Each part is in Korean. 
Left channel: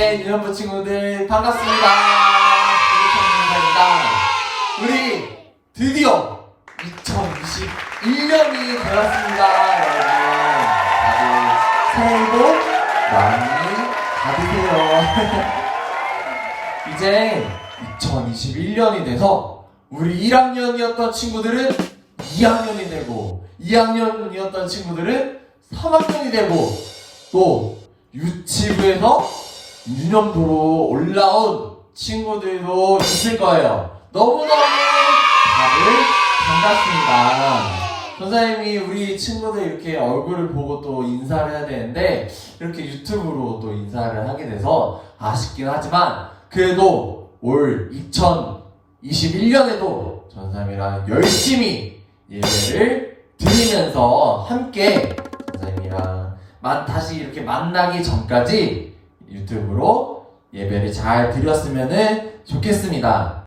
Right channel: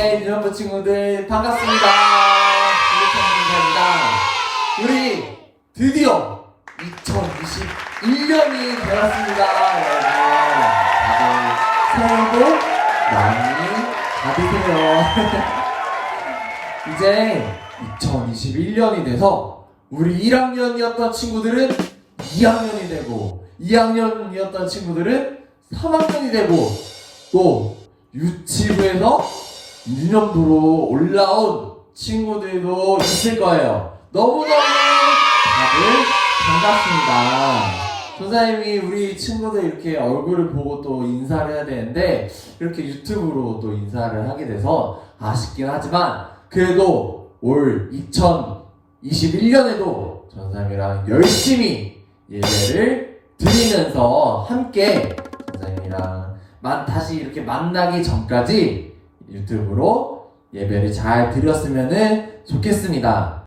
네, 유년부 친구들 반갑습니다. 유년부입니다. 우리 드디어 2021년이 되었습니다. 여러분, 다들 새해 복 많이 받으세요. 이제 2021년이 돼서 우리 1학년이었던 친구들은 2학년이 되고 2학년이었던 친구들은 3학년이 되고 또 유치부에서 유년부로 올라온 친구들도 있을 거예요. 너무너무 다들 반갑습니다. 선생님이 우리 친구들 이렇게 얼굴을 보고 또 인사를 해야 되는데 이렇게 유튜브로 또 인사를 하게 돼서 아쉽긴 하지만 그래도 올 2021년에도 선생님이랑 열심히 예배를 드리면서 함께 선생님이랑 다시 이렇게 만나기 전까지 유튜브로 예배를 잘 드렸으면 좋겠습니다.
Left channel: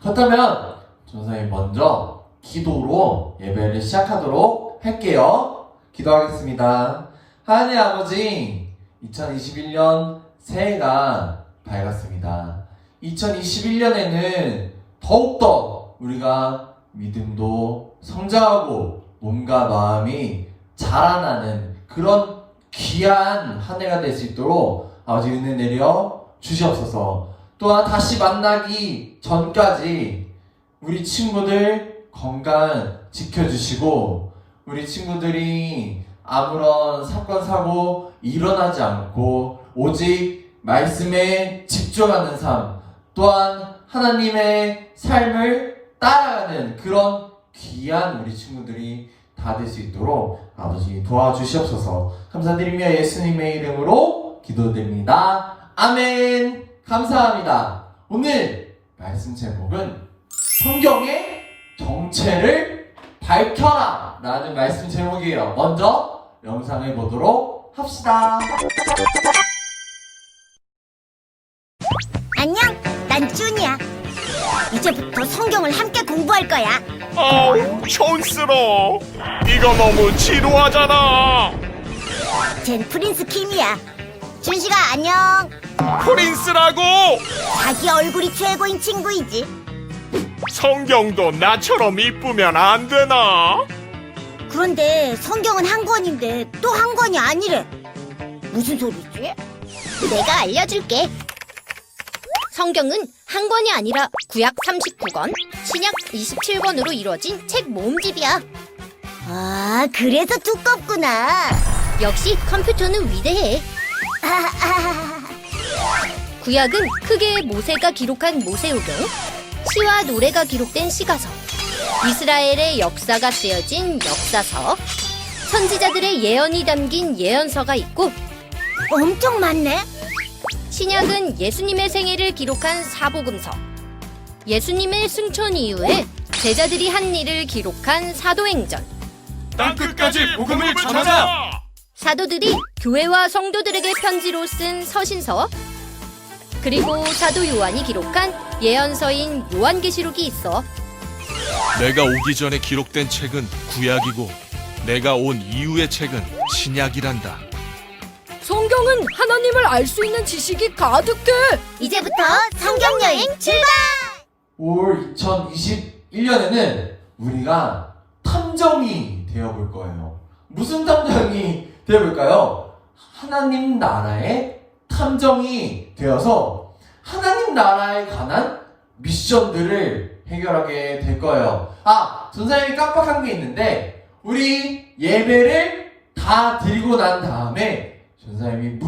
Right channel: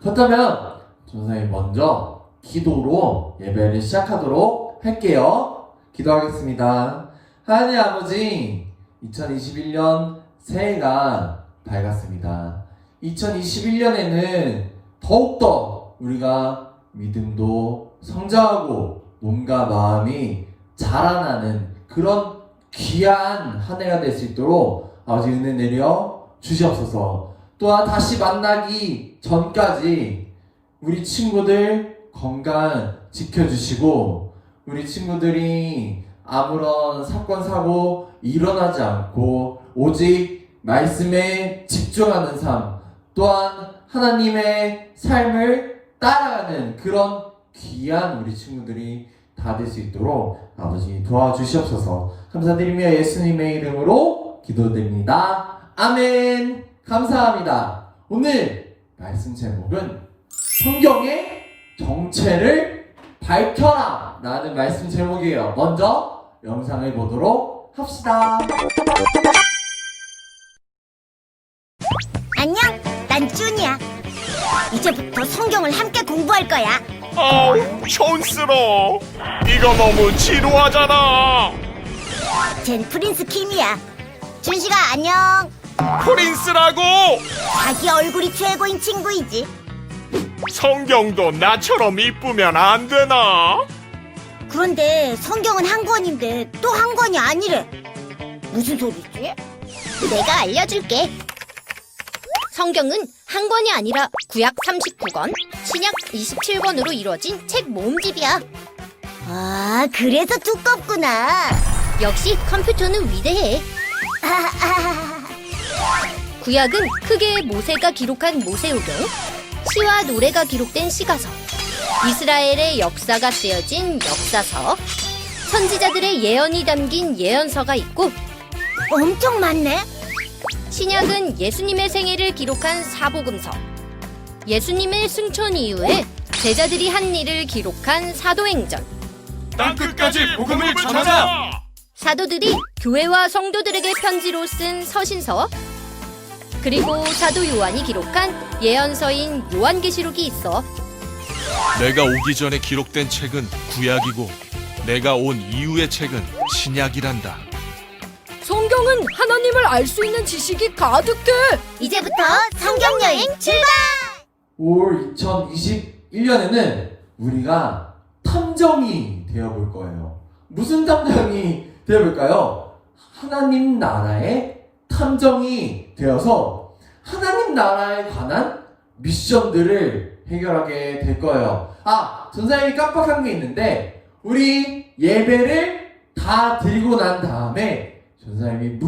그렇다면 선생님 먼저 기도로 예배를 시작하도록 할게요. 기도하겠습니다. 하나님 아버지, 2021년 새해가 밝았습니다. 2021년에는 더욱더 우리가 믿음도 성장하고 몸과 마음이 자라나는 그런 귀한 한 해가 될 수 있도록 아버지 은혜 내려 주시옵소서. 또한 다시 만나기 전까지 우리 친구들 건강 지켜주시고 우리 친구들이 아무런 사건 사고 일어나지 않고 오직 말씀에 집중하는 삶, 또한 하나님의 삶을 따라가는 그런 귀한 우리 친구들이 다 될 수 있도록 아버지 도와주시옵소서. 감사드리며 예수님의 이름으로 기도드립니다. 아멘. 감사합니다. 오늘 말씀 제목은 성경의 정체를 밝혀라 라는 말씀 제목이에요. 먼저 영상을 보도록 합시다. 안녕, 난 쭈니야. 이제부터 성경을 함께 공부할 거야. 아우, 촌스러워. 이거 너무 지루하잖아. 쟨 프린스 킴이야. 준식아, 안녕. 프린스라고. 자기 얼굴이 최고인 친구이지. 성경도 나처럼 이쁘면 안 되나? 그런데 성경은 한 권인데 또 한 권이 아니래. 무슨 소리지? 내가 알려줄게. 성경은 한 권이 아니라 구약 39권, 신약 27권으로 이루어진 책 모음집이야. 아, 그래서 두껍구나. 역시 컴퓨터는 위대해. 구약은 크게 모세가 기록한 모세오경, 시와 노래가 기록된 시가서, 이스라엘의 역사가 쓰여진 역사서, 선지자들의 예언이 담긴 예언서가 있고, 엄청 많네. 신약은 예수님의 생애를 기록한 사복음서, 예수님의 승천 이후에 제자들이 한 일을 기록한 사도행전, 땅끝까지 복음을 전하자. 사도들이 교회와 성도들에게 편지로 쓴 서신서, 그리고 사도 요한이 기록한 예언서인 요한계시록이 있어. 내가 오기 전에 기록된 책은 구약이고 내가 온 이후의 책은 신약이란다. 성경은 하나님을 알 수 있는 지식이 가득해. 이제부터 성경 여행 출발! 올 2021년에는 우리가 탐정이 되어볼 거예요. 무슨 탐정이 되어볼까요? 하나님 나라의 탐정이 되어서 하나님 나라에 관한 미션들을 해결하게 될 거예요. 전사님이 깜빡한 게 있는데 우리 예배를 다 드리고 난 다음에 전사님이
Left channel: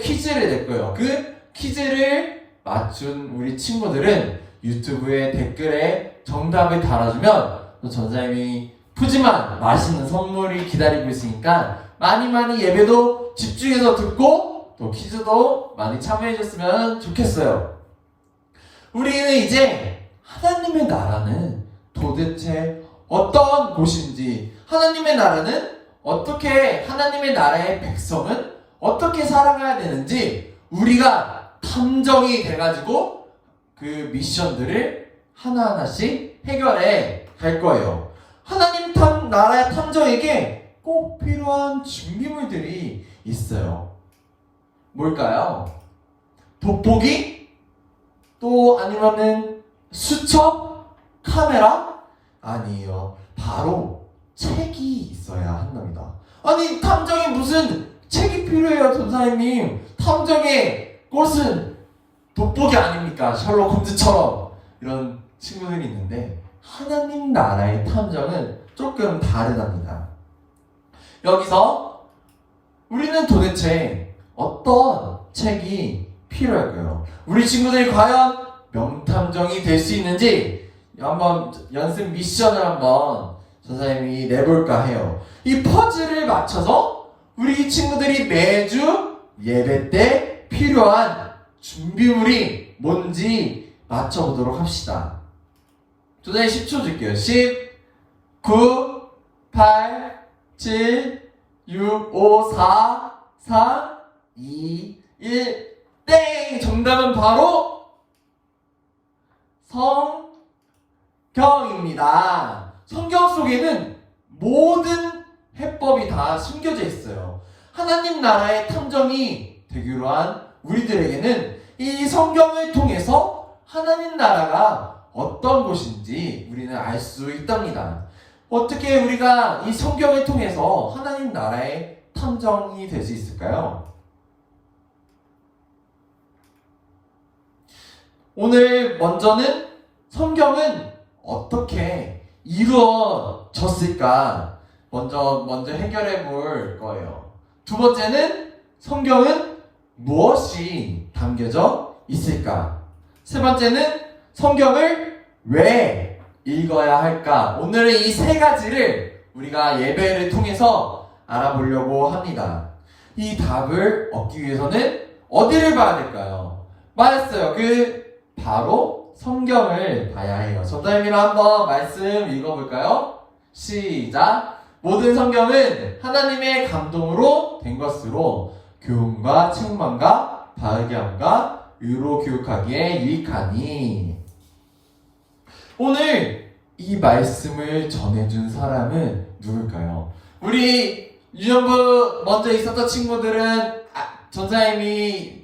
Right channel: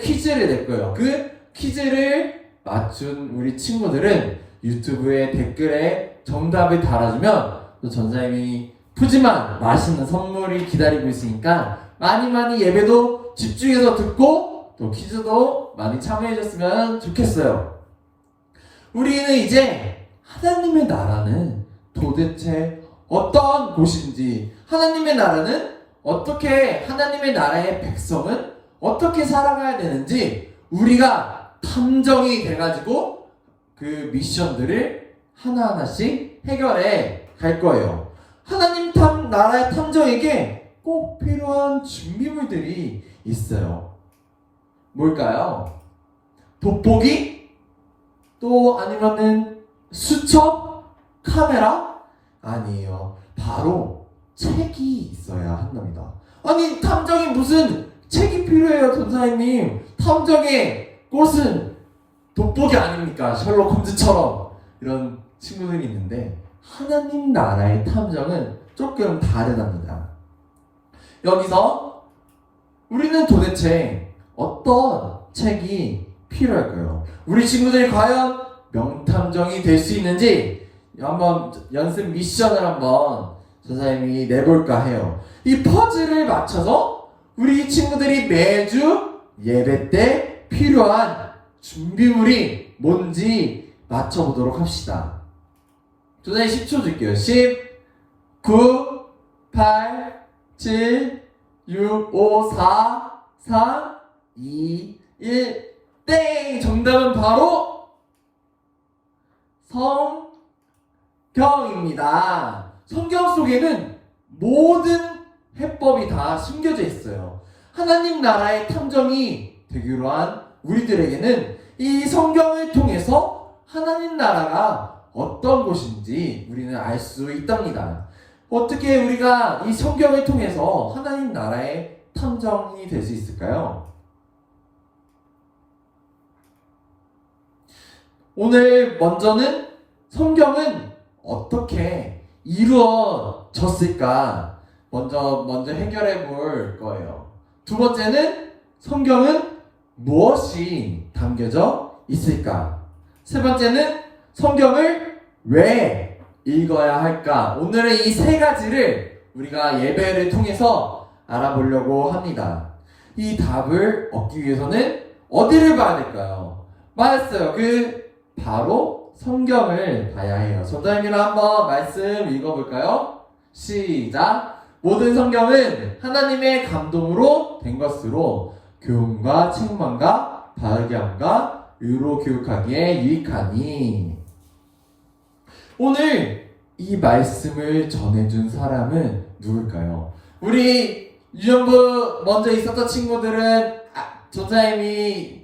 퀴즈를 낼 거예요. 그 퀴즈를 맞춘 우리 친구들은 유튜브에 댓글에 정답을 달아주면 또 전사님이 푸짐한 맛있는 선물이 기다리고 있으니까 많이 예배도 집중해서 듣고 또 퀴즈도 많이 참여해줬으면 좋겠어요. 우리는 이제 하나님의 나라는 도대체 어떤 곳인지, 하나님의 나라는 어떻게, 하나님의 나라의 백성은 어떻게 살아가야 되는지 우리가 탐정이 돼가지고 그 미션들을 하나하나씩 해결해 갈 거예요. 하나님 나라의 탐정에게 꼭 필요한 준비물들이 있어요. 뭘까요? 돋보기? 또 아니면은 수첩? 카메라? 아니에요. 바로 책이 있어야 한답니다. 아니, 탐정이 무슨 책이 필요해요, 전사님. 탐정의 꽃은 돋보기 아닙니까? 셜록 홈즈처럼. 이런 친구들이 있는데, 하나님 나라의 탐정은 조금 다르답니다. 여기서 우리는 도대체 어떤 책이 필요할까요? 우리 친구들이 과연 명탐정이 될 수 있는지 한번 연습 미션을 한번 전사님이 내볼까 해요. 이 퍼즐을 맞춰서 우리 친구들이 매주 예배 때 필요한 준비물이 뭔지 맞춰보도록 합시다. 전사님 10초 줄게요. 10, 9, 8, 7, 6, 5, 4, 3, 2, 1, 땡! 정답은 바로 성경입니다. 성경 속에는 모든 해법이 다 숨겨져 있어요. 하나님 나라의 탐정이 되기로 한 우리들에게는 이 성경을 통해서 하나님 나라가 어떤 곳인지 우리는 알 수 있답니다. 어떻게 우리가 이 성경을 통해서 하나님 나라의 탐정이 될 수 있을까요? 오늘 먼저는 성경은 어떻게 이루어졌을까 먼저 해결해 볼 거예요. 두 번째는 성경은 무엇이 담겨져 있을까? 세 번째는 성경을 왜 읽어야 할까? 오늘은 이 세 가지를 우리가 예배를 통해서 알아보려고 합니다. 이 답을 얻기 위해서는 어디를 봐야 될까요? 맞았어요. 바로 성경을 봐야 해요. 전자님이랑 한번 말씀 읽어볼까요? 시작! 모든 성경은 하나님의 감동으로 된 것으로 교훈과 책망과 바르게 함과 의로 교육하기에 유익하니. 오늘 이 말씀을 전해준 사람은 누굴까요? 우리 유년부 먼저 있었던 친구들은 전사님이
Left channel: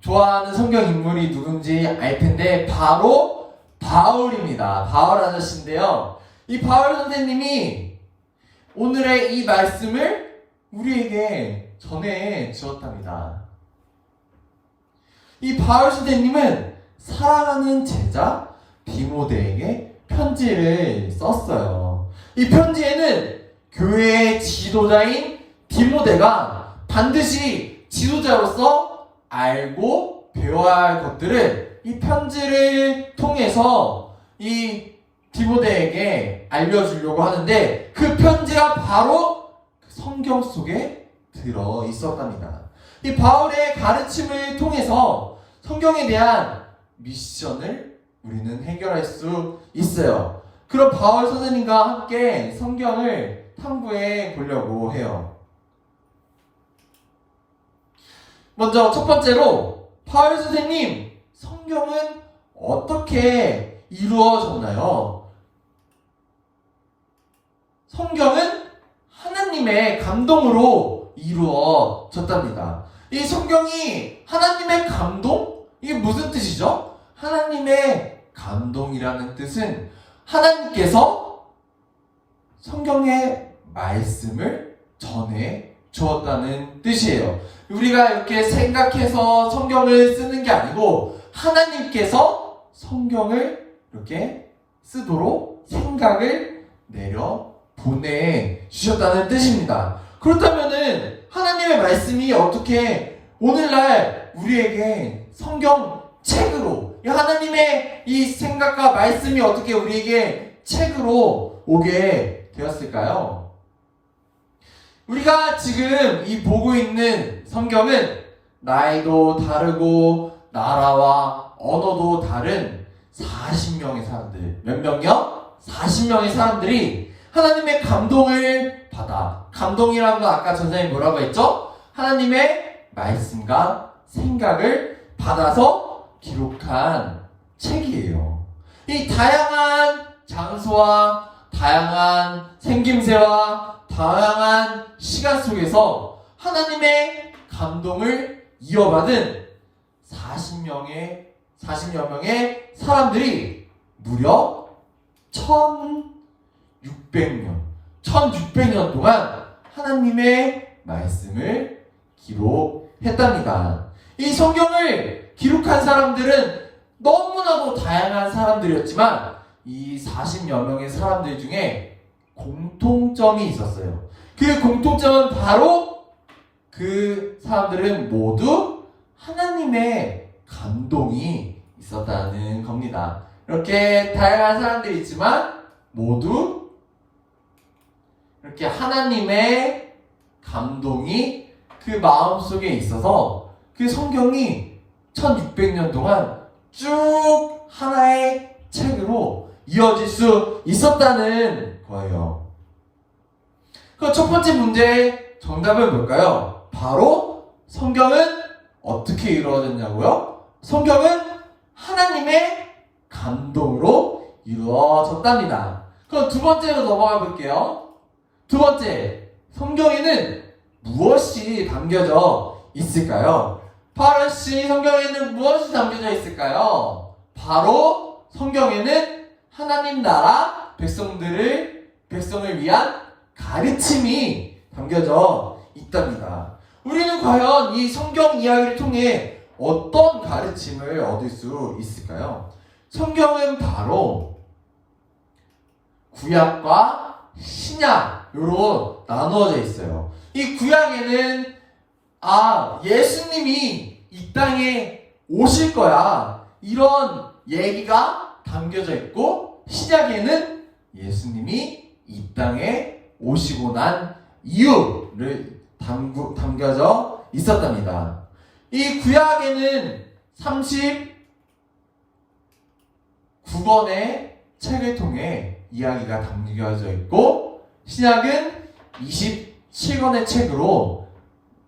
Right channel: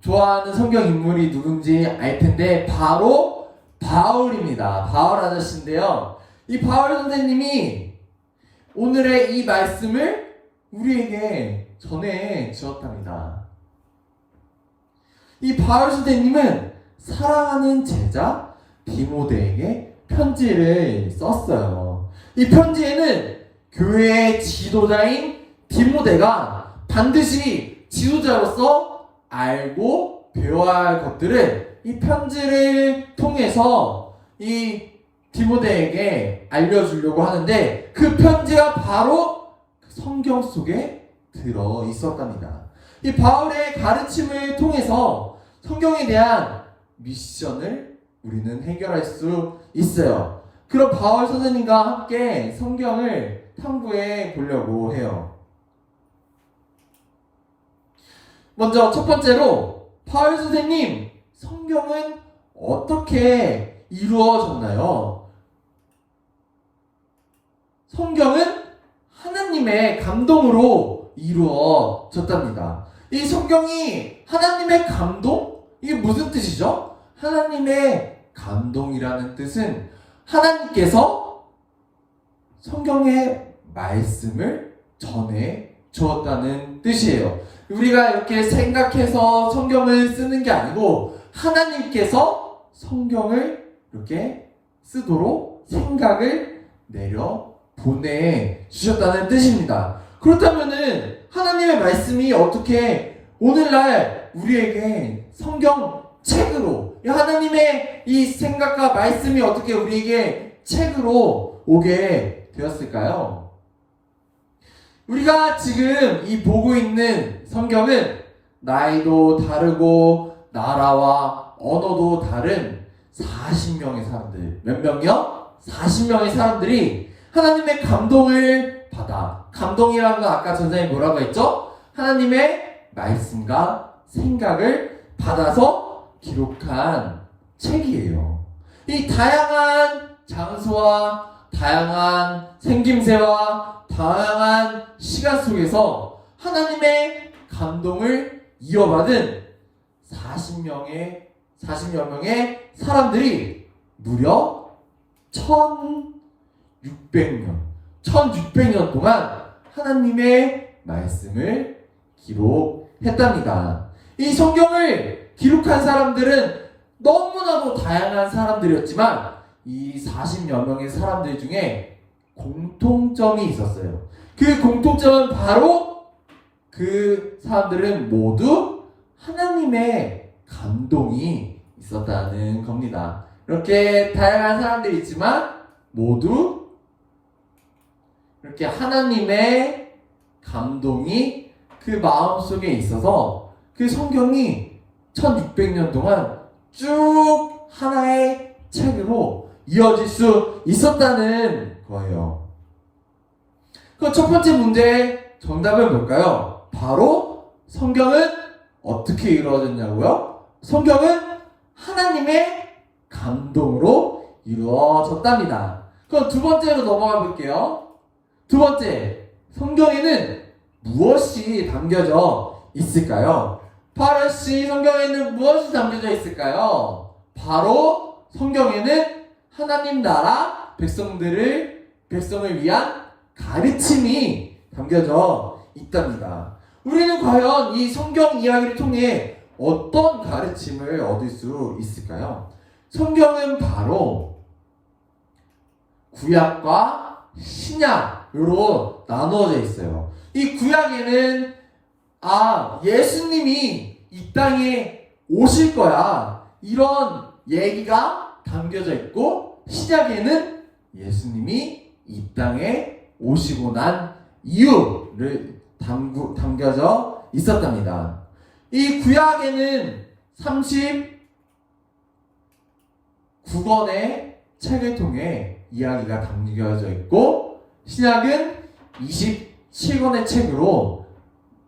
좋아하는 성경 인물이 누군지 알 텐데 바로 바울입니다. 바울 아저씨인데요. 이 바울 선생님이 오늘의 이 말씀을 우리에게 전해 주었답니다. 이 바울 선생님은 사랑하는 제자 디모데에게 편지를 썼어요. 이 편지에는 교회의 지도자인 디모데가 반드시 지도자로서 알고 배워야 할 것들을 이 편지를 통해서 이 디모데에게 알려주려고 하는데 그 편지가 바로 성경 속에 들어 있었답니다. 이 바울의 가르침을 통해서 성경에 대한 미션을 우리는 해결할 수 있어요. 그럼 바울 선생님과 함께 성경을 탐구해 보려고 해요. 먼저 첫 번째로 바울 선생님, 성경은 어떻게 이루어졌나요? 성경은 하나님의 감동으로 이루어졌답니다. 이 성경이 하나님의 감동? 이게 무슨 뜻이죠? 하나님의 감동이라는 뜻은 하나님께서 성경의 말씀을 전해 주었다는 뜻이에요. 우리가 이렇게 생각해서 성경을 쓰는 게 아니고 하나님께서 성경을 이렇게 쓰도록 생각을 내려 보내주셨다는 뜻입니다. 그렇다면은 하나님의 말씀이 어떻게 오늘날 우리에게 성경책으로, 하나님의 이 생각과 말씀이 어떻게 우리에게 책으로 오게 되었을까요? 우리가 지금 이 보고 있는 성경은 나이도 다르고 나라와 언어도 다른 40명의 사람들, 몇 명이요? 40명의 사람들이 하나님의 감동을 받아, 감동이라는 건 아까 전장에 뭐라고 했죠? 하나님의 말씀과 생각을 받아서 기록한 책이에요. 이 다양한 장소와 다양한 생김새와 다양한 시간 속에서 하나님의 감동을 이어받은 40여 명의 사람들이 무려 1600년 동안 하나님의 말씀을 기록했답니다. 이 성경을 기록한 사람들은 너무나도 다양한 사람들이었지만 이 40여 명의 사람들 중에 공통점이 있었어요. 그 공통점은 바로 그 사람들은 모두 하나님의 감동이 있었다는 겁니다. 이렇게 다양한 사람들이 있지만 모두 이렇게 하나님의 감동이 그 마음속에 있어서 그 성경이 1600년 동안 쭉 하나의 책으로 이어질 수 있었다는 거예요. 그 첫 번째 문제의 정답은 뭘까요? 바로 성경은 어떻게 이루어졌냐고요? 성경은 하나님의 감동으로 이루어졌답니다. 그럼 두 번째로 넘어가 볼게요. 두 번째, 성경에는 무엇이 담겨져 있을까요? 파르시 성경에는 무엇이 담겨져 있을까요? 바로 성경에는 하나님 나라 백성을 위한 가르침이 담겨져 있답니다. 우리는 과연 이 성경 이야기를 통해 어떤 가르침을 얻을 수 있을까요? 성경은 구약과 신약으로 나누어져 있어요. 이 구약에는 예수님이 이 땅에 오실 거야, 이런 얘기가 담겨져 있고, 신약에는 예수님이 이 땅에 오시고 난 이유를 담겨져 있었답니다. 이 구약에는 39권의 책을 통해 이야기가 담겨져 있고, 신약은 27권의 책으로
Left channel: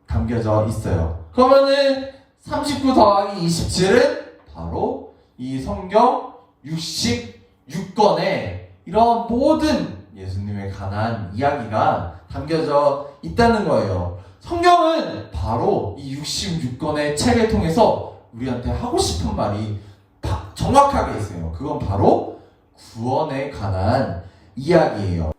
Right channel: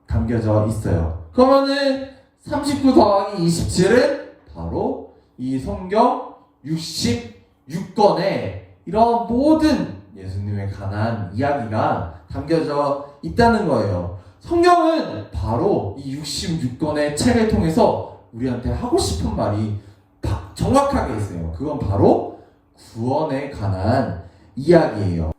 담겨져 있어요. 그러면은 39 더하기 27은 바로 이 성경 66권의 이런 모든 예수님에 관한 이야기가 담겨져 있다는 거예요. 성경은 바로 이 66권의 책을 통해서 우리한테 하고 싶은 말이 정확하게 있어요. 그건 바로 구원에 관한 이야기예요.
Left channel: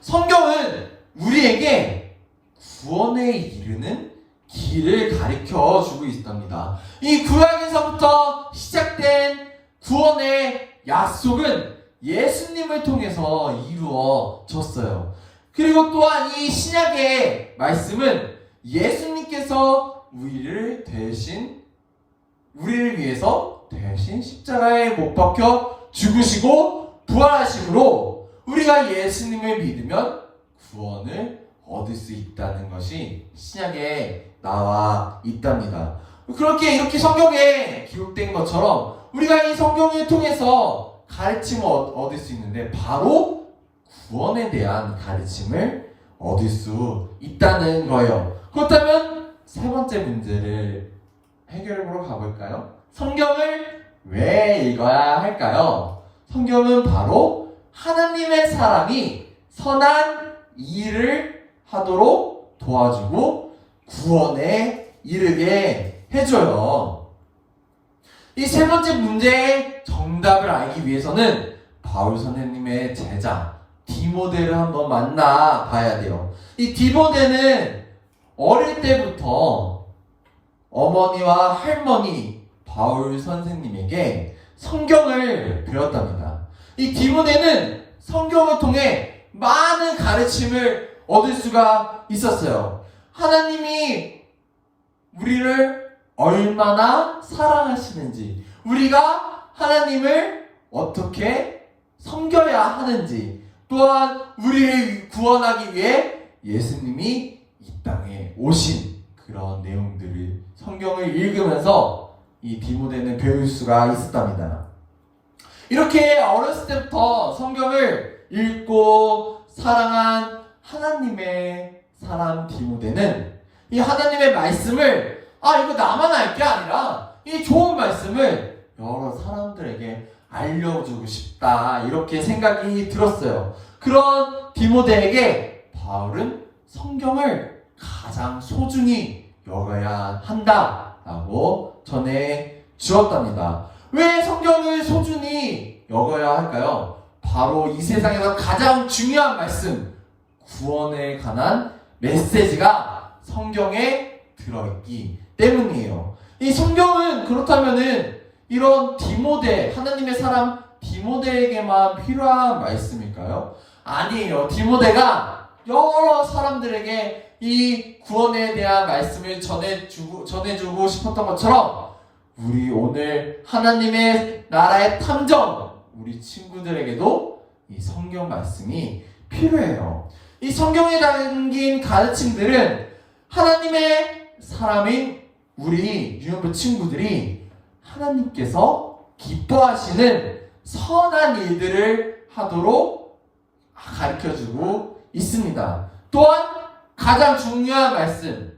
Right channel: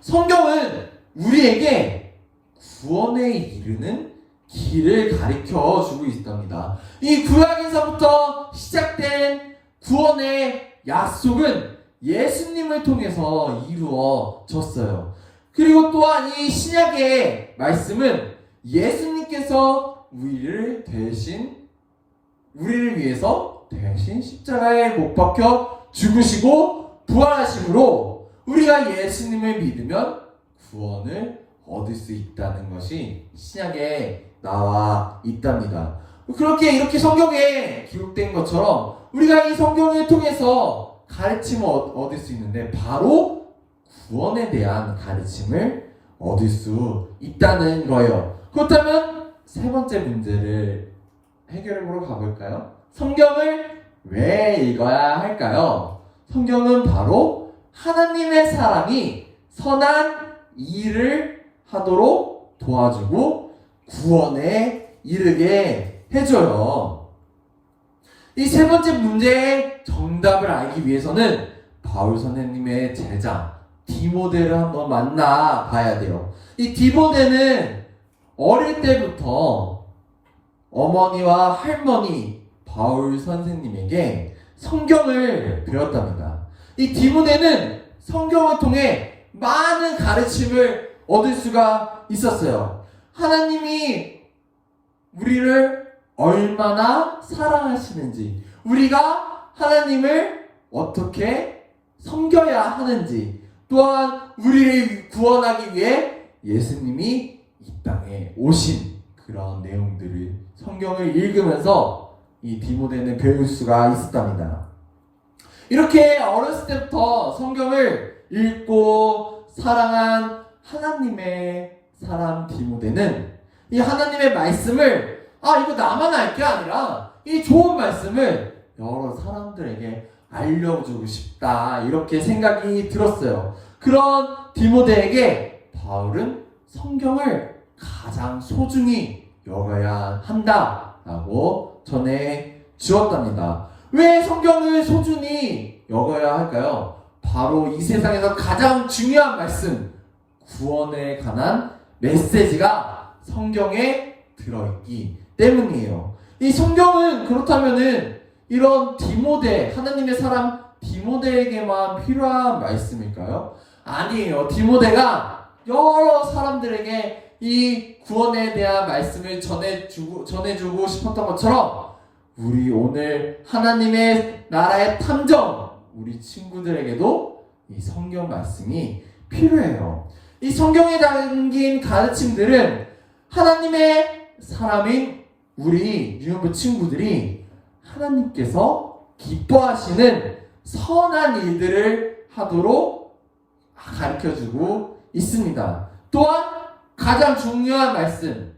성경은 우리에게 구원에 이르는 길을 가르쳐 주고 있답니다. 이 구약에서부터 시작된 구원의 약속은 예수님을 통해서 이루어졌어요. 그리고 또한 이 신약의 말씀은 예수님께서 우리를 위해서 대신 십자가에 못 박혀 죽으시고 부활하심으로 우리가 예수님을 믿으면 구원을 얻을 수 있다는 것이 신약에 나와 있답니다. 그렇게 이렇게 성경에 기록된 것처럼 우리가 이 성경을 통해서 가르침을 얻을 수 있는데 바로 구원에 대한 가르침을 얻을 수 있다는 거예요. 그렇다면 세 번째 문제를 해결해보러 가볼까요? 성경을 왜 읽어야 할까요? 성경은 바로 하나님의 사람이 선한 일을 하도록 도와주고 구원에 이르게 해줘요. 이 세 번째 문제의 정답을 알기 위해서는 바울 선생님의 제자 디모데를 한번 만나 봐야 돼요. 이 디모데는 어릴 때부터 어머니와 할머니 바울 선생님에게 성경을 배웠답니다. 이 디모데는 성경을 통해 많은 가르침을 얻을 수가 있었어요. 하나님이 우리를 얼마나 사랑하시는지, 우리가 하나님을 어떻게 섬겨야 하는지, 또한 우리를 구원하기 위해 예수님이 이 땅에 오신 그런 내용들을 성경을 읽으면서 이 디모데는 배울 수가 있었답니다. 이렇게 어렸을 때부터 성경을 읽고 사랑한 하나님의 사람 디모데는 이 하나님의 말씀을 이거 나만 알 게 아니라 이 좋은 말씀을 여러 사람들에게 알려주고 싶다, 이렇게 생각이 들었어요. 그런 디모데에게 바울은 성경을 가장 소중히 여겨야 한다라고 전해 주었답니다. 왜 성경을 소중히 여겨야 할까요? 바로 이 세상에서 가장 중요한 말씀, 구원에 관한 메시지가 성경에 들어있기 때문이에요. 이 성경은 그렇다면은 이런 디모데, 하나님의 사람 디모데에게만 필요한 말씀일까요? 아니에요. 디모데가 여러 사람들에게 이 구원에 대한 말씀을 전해주고 싶었던 것처럼 우리 오늘 하나님의 나라의 탐정, 우리 친구들에게도 이 성경 말씀이 필요해요. 이 성경에 담긴 가르침들은 하나님의 사람인 우리 유년부 친구들이 하나님께서 기뻐하시는 선한 일들을 하도록 가르쳐주고 있습니다. 또한 가장 중요한 말씀,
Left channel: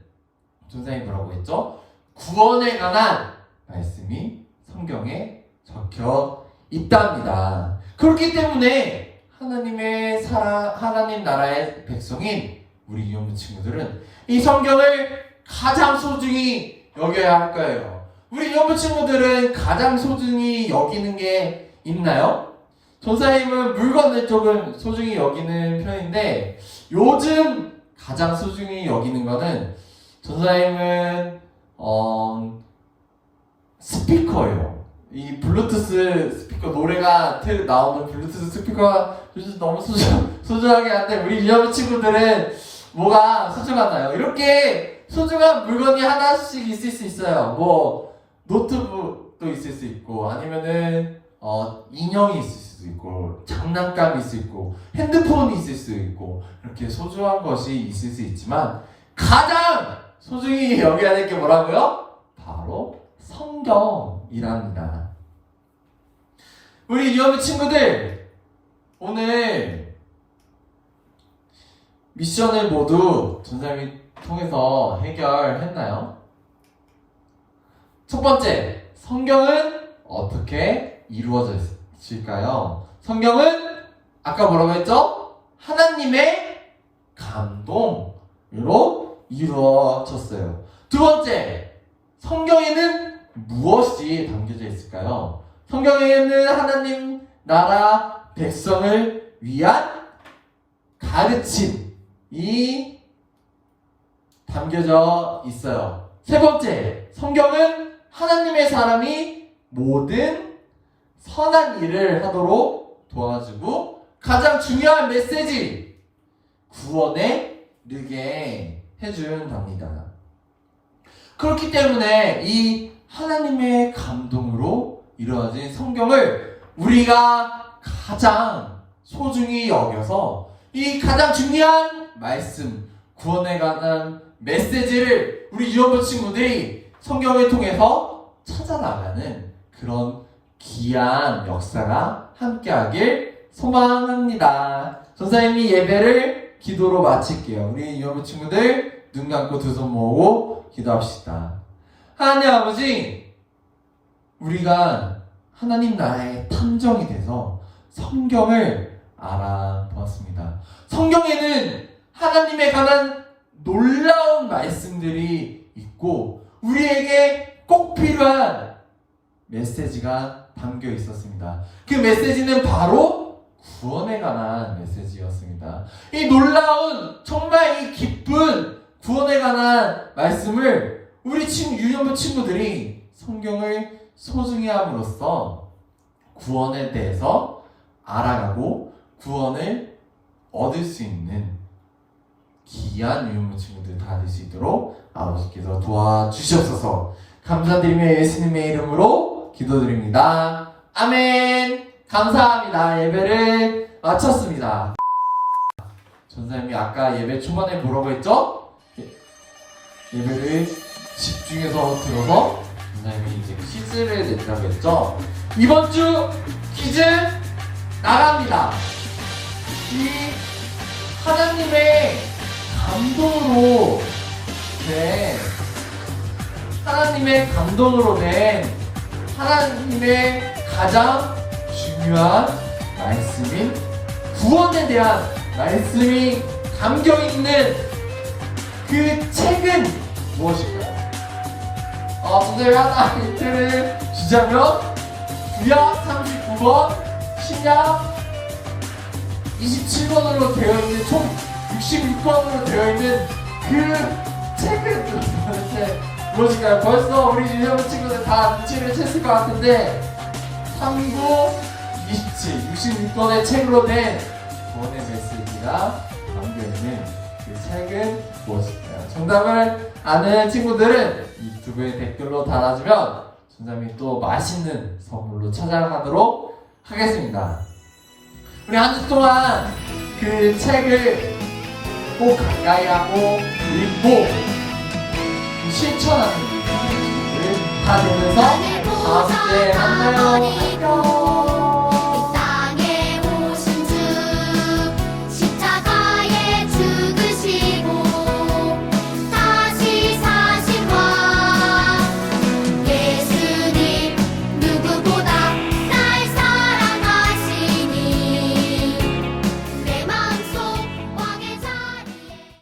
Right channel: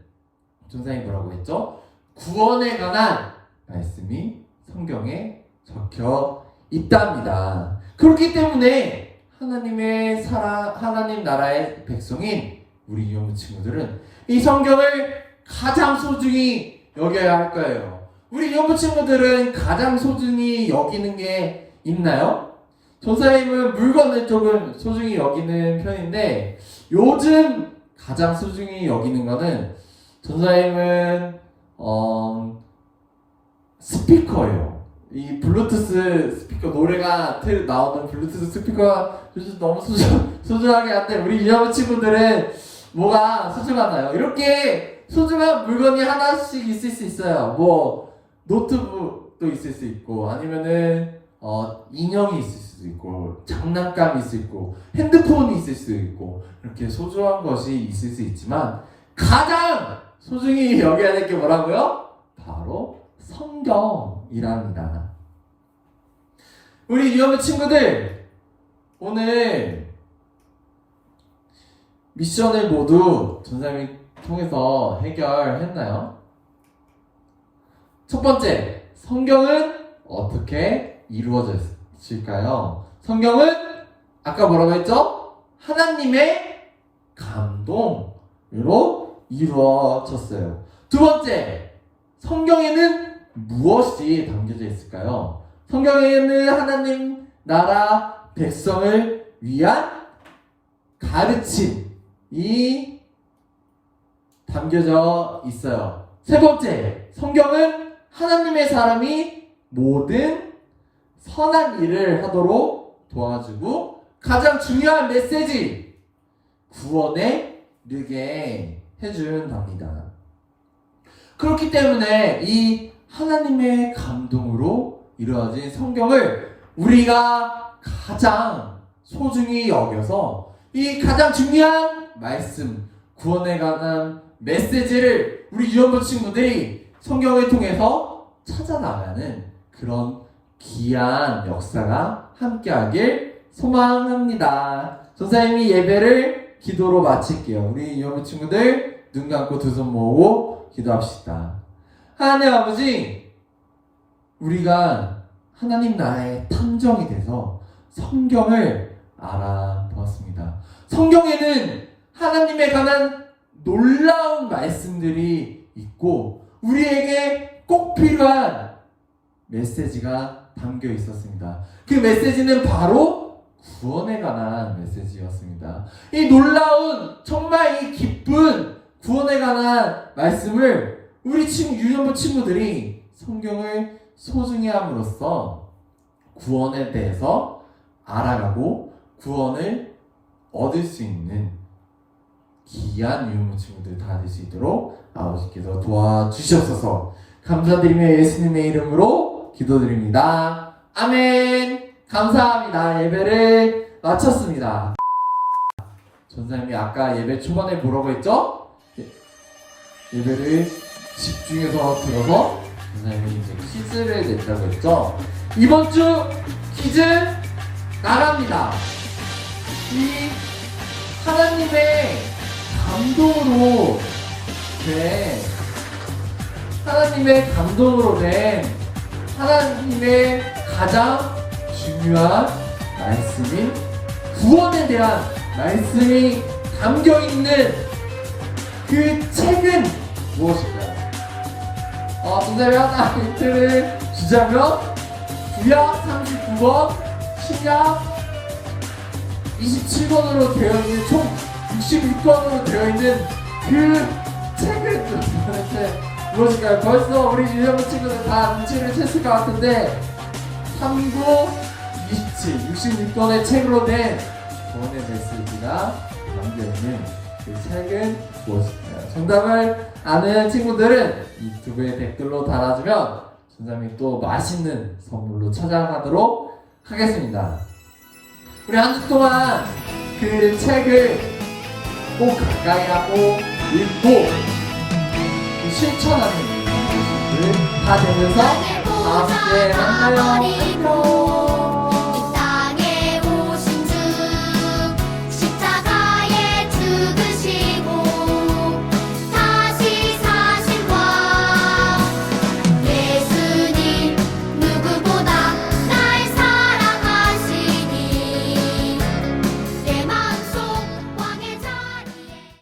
전사님이 뭐라고 했죠? 구원에 관한 말씀이 성경에 적혀 있답니다. 그렇기 때문에 하나님 나라의 백성인 우리 유년부 친구들은 이 성경을 가장 소중히 여겨야 할 거예요. 우리 유년부 친구들은 가장 소중히 여기는 게 있나요? 전사님은 물건을 조금 소중히 여기는 편인데 요즘 가장 소중히 여기는 거는 전사님은 스피커예요. 이 블루투스 스피커, 노래가 나오는 블루투스 스피커가 요즘 너무 소중하게 한데 우리 유년부 친구들은 뭐가 소중하나요? 이렇게 소중한 물건이 하나씩 있을 수 있어요. 뭐 노트북도 있을 수 있고 아니면은 인형이 있을 수도 있고 장난감이 있을 수 있고 핸드폰이 있을 수 있고 이렇게 소중한 것이 있을 수 있지만 가장 소중히 여겨야 할 게 뭐라고요? 바로 성경이랍니다. 우리 유년부 친구들 오늘 미션을 모두 전사님이 통해서 해결했나요? 첫 번째, 성경은 어떻게 이루어졌을까요? 성경은 아까 뭐라고 했죠? 하나님의 감동으로 이루어졌어요. 두 번째, 성경에는 무엇이 담겨져 있을까요? 성경에는 하나님 나라 백성을 위한 가르침이 담겨져 있어요. 세 번째, 성경은 하나님의 사람이 모든 선한 일을 하도록 도와주고 가장 중요한 메시지, 구원에 이르게 해준답니다. 그렇기 때문에 이 하나님의 감동으로 이루어진 성경을 우리가 가장 소중히 여겨서 이 가장 중요한 말씀, 구원에 관한 메시지를 우리 유년부 친구들이 성경을 통해서 찾아나가는 그런 귀한 역사가 함께하길 소망합니다. 전사님이 예배를 기도로 마칠게요. 우리 유년부 친구들 눈 감고 두 손 모으고 기도합시다. 하나님 아버지, 우리가 하나님 나라의 탐정이 돼서 성경을 알아보았습니다. 성경에는 하나님에 관한 놀라운 말씀들이 있고 우리에게 꼭 필요한 메시지가 담겨 있었습니다. 그 메시지는 바로 구원에 관한 메시지였습니다. 이 놀라운 정말 이 기쁜 구원에 관한 말씀을 우리 유년부 친구들이 성경을 소중히 함으로써 구원에 대해서 알아가고 구원을 얻을 수 있는 귀한 유년부 친구들 다 될 수 있도록 아버지께서 도와주시옵소서. 감사드리며 예수님의 이름으로 기도드립니다. 아멘. 감사합니다. 예배를 마쳤습니다. 전사님이 아까 예배 초반에 뭐라고 했죠? 예배를 집중해서 들어서 전사님이 이제 퀴즈를 냈다고 했죠? 이번 주 퀴즈 나갑니다. 이 하나님의 감동으로 된 하나님의 가장 중요한 말씀인 구원에 대한 말씀이 담겨있는 그 책은 무엇일까요? 선생님이 하나 힌트를 주자면 구약 39번, 신약 27번으로 되어 있는 총 66권으로 되어 있는 그 책을 이렇게 무엇일까요? 벌써 우리 유형의 친구들 다 눈치를 챘을 것 같은데 39, 27, 66권의 책으로 된 구원의 메시지가 담겨있는 그 책은 무엇일까요? 정답을 아는 친구들은 이 유튜브에 댓글로 달아주면 선생님이 또 맛있는 선물로 찾아가도록 하겠습니다. 우리 한 주 동안 그 책을 꼭 가까이 하고 읽고 실천하는 일을 다 되면서 다음 주에 만나요. 안녕.